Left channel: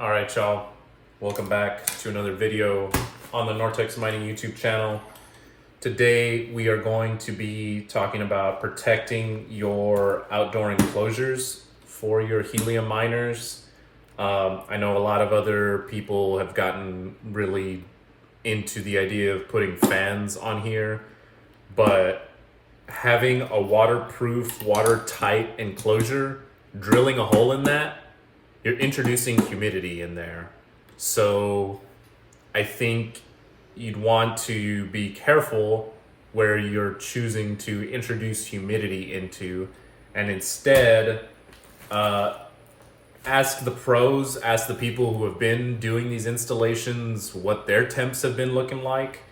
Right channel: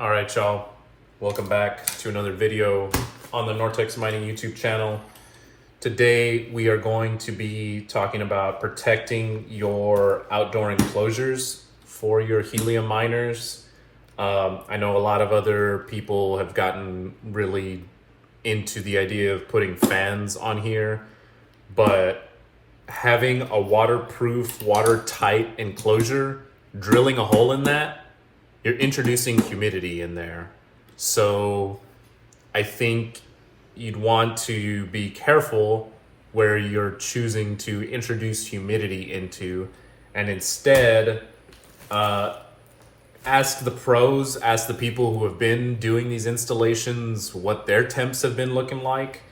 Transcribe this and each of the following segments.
All right, y'all. Welcome back to another video on the Nortex Mining YouTube channel. Today, we are going to be talking about protecting your outdoor enclosures for your helium miners. I know a lot of other people have gotten really into the idea of putting fans on here, but having a waterproof, watertight enclosure, drilling a hole in that, you're introducing humidity in there. So I think you'd want to be careful where you're choosing to introduce humidity into, and instead ask the pros, ask the people who have been doing these installations what their temps have been looking like.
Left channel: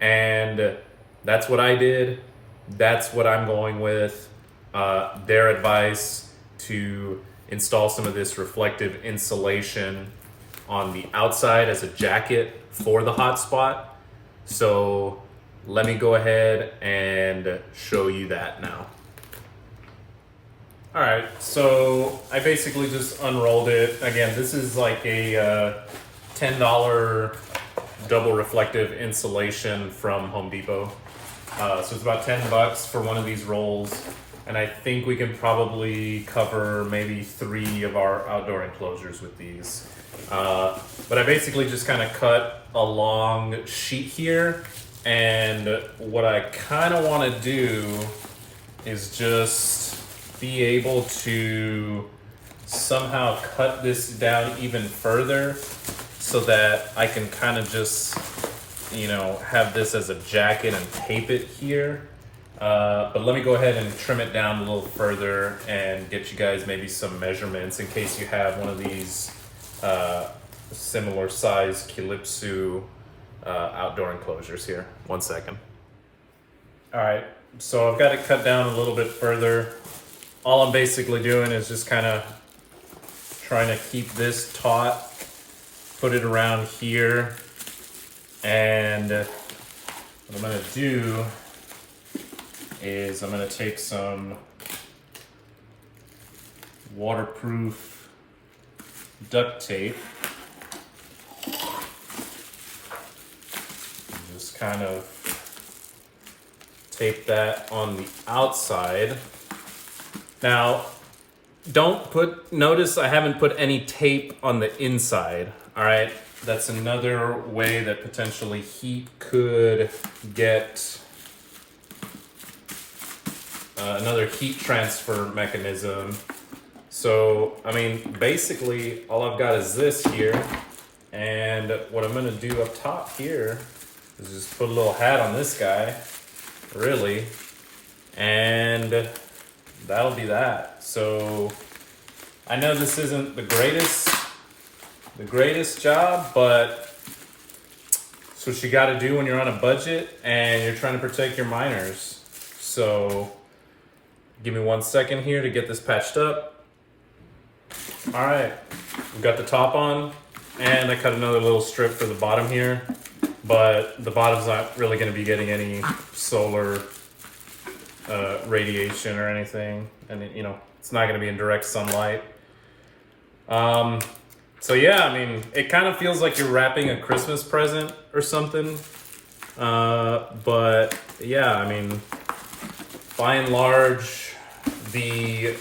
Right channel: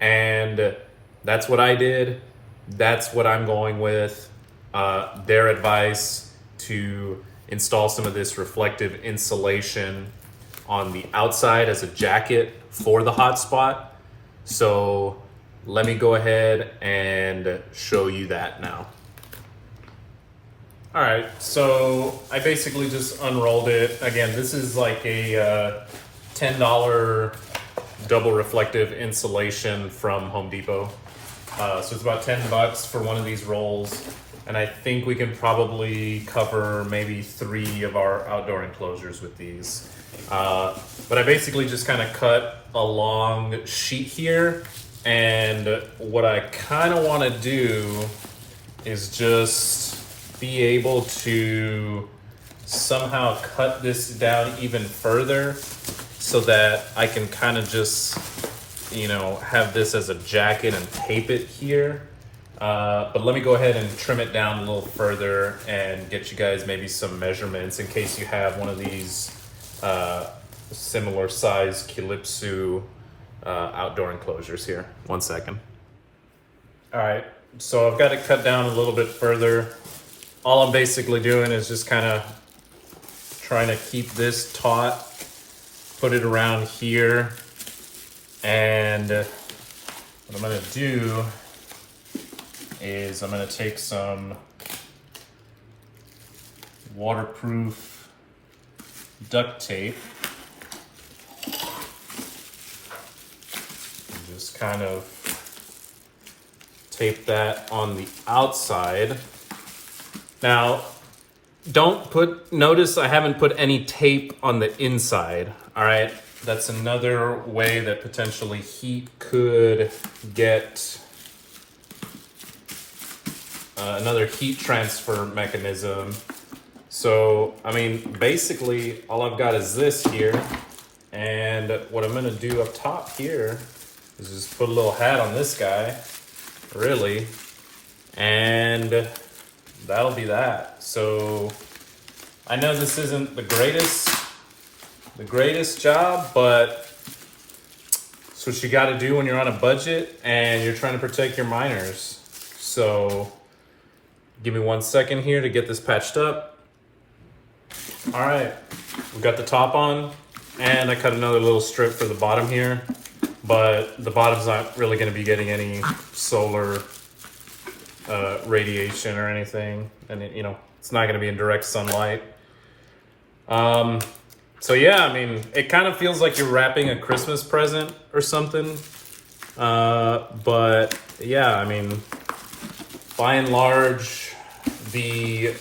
And that's what I did. That's what I'm going with. Their advice to install some of this reflective insulation on the outside as a jacket for the hotspot. So let me go ahead and show you that now. All right, so I basically just unrolled it. Again, this is like a $10 double reflective insulation from Home Depot. So it's about 10 bucks for one of these rolls. And I think we can probably cover maybe 3 of our outdoor enclosures with these. But I basically just kind of cut a long sheet here. And what I kind of want to do is just be able to somehow cut this down even further so that I can kind of just, have this as a jacket and tape it here. But let me go ahead and trim it down a little further and get you guys maybe some measurements in case you have one of these similar size Calypso outdoor enclosures here. 1 second. All right, so I've got it cut down a little bit further. All I'm basically doing is just kind of trying to keep this taut, put it around here, and what I'm gonna do is I'm going to take some waterproof duct tape and just kind of tape that on the outside. Now, notice I haven't put any tape on the inside, all right? That's another way that potentially heat could get another heat transfer mechanism. So, basically all I've got is this here. And what I'm gonna do up top here is just put a little hat on this guy, really. And that'll be that. So I know this isn't the greatest job, but it's what you gotta do when you're on a budget and you're trying to protect your miners. So give me 1 second here to get this patched up. All right, we've got the top on, and I cut another little strip for the bottom here, but the bottom's not really gonna be getting any solar radiation or anything, and it's not gonna be in direct sunlight. So yeah, it kind of feels like you're wrapping a Christmas present or something, but yeah, by and large, the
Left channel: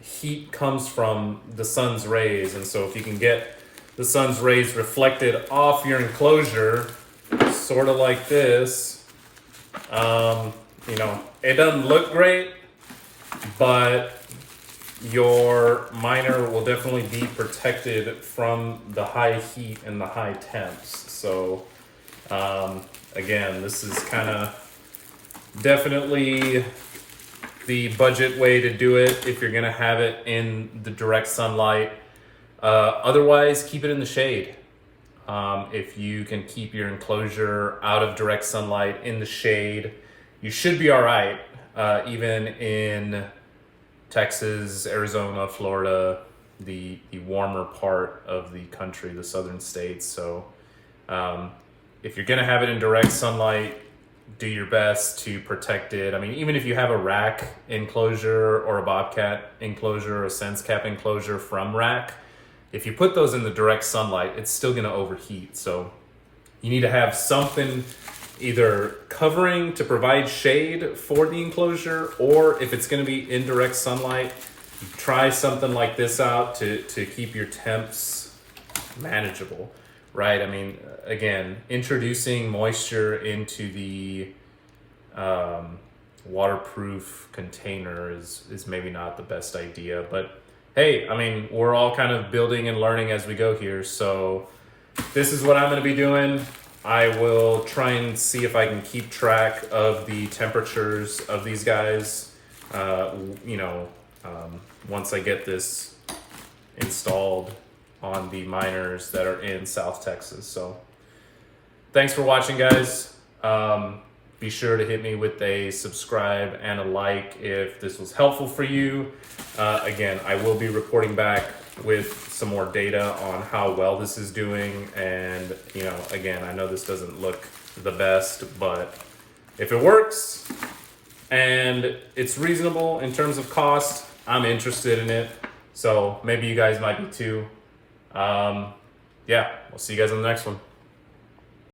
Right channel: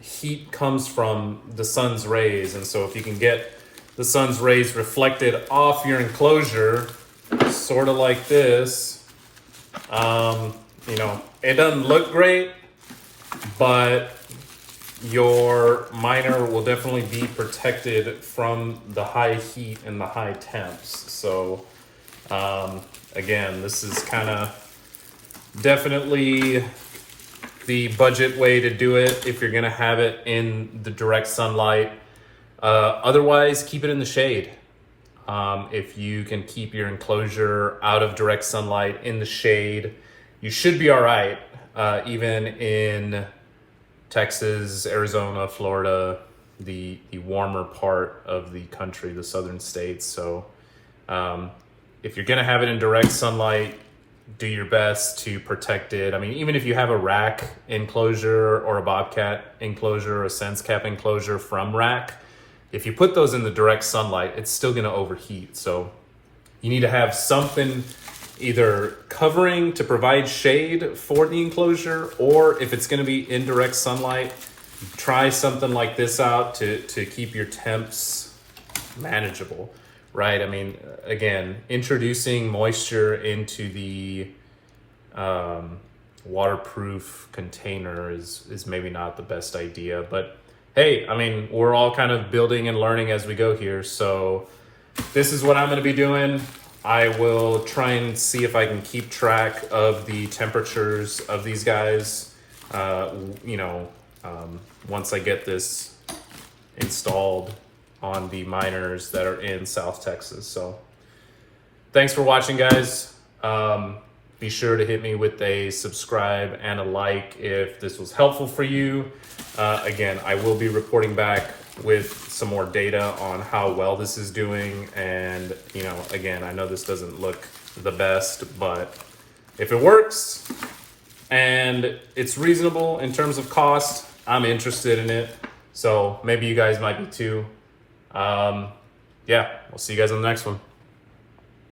heat comes from the sun's rays, and so if you can get the sun's rays reflected off your enclosure, sort of like this, it doesn't look great, but your miner will definitely be protected from the high heat and the high temps. So again, this is kind of definitely the budget way to do it if you're gonna have it in the direct sunlight. Otherwise, keep it in the shade. If you can keep your enclosure out of direct sunlight in the shade, you should be all right. Even in Texas, Arizona, Florida, the warmer part of the country, the southern states. So if you're gonna have it in direct sunlight, do your best to protect it. Even if you have a rack enclosure or a bobcat enclosure or a sense cap enclosure from rack, if you put those in the direct sunlight, it's still gonna overheat. So you need to have something either covering to provide shade for the enclosure, or if it's gonna be indirect sunlight, try something like this out to keep your temps manageable, right? I mean, again, introducing moisture into the waterproof container is maybe not the best idea, but hey, I mean, we're all kind of building and learning as we go here. So this is what I'm going to be doing. I will try and see if I can keep track of the temperatures of these guys, once I get this installed on the miners that are in South Texas. So thanks for watching, guys. Be sure to hit me with a subscribe and a like if this was helpful for you. Again, I will be reporting back with some more data on how well this is doing. And, again, I know this doesn't look the best, but if it works and it's reasonable in terms of cost, I'm interested in it. So maybe you guys might be too. Yeah, we'll see you guys on the next one.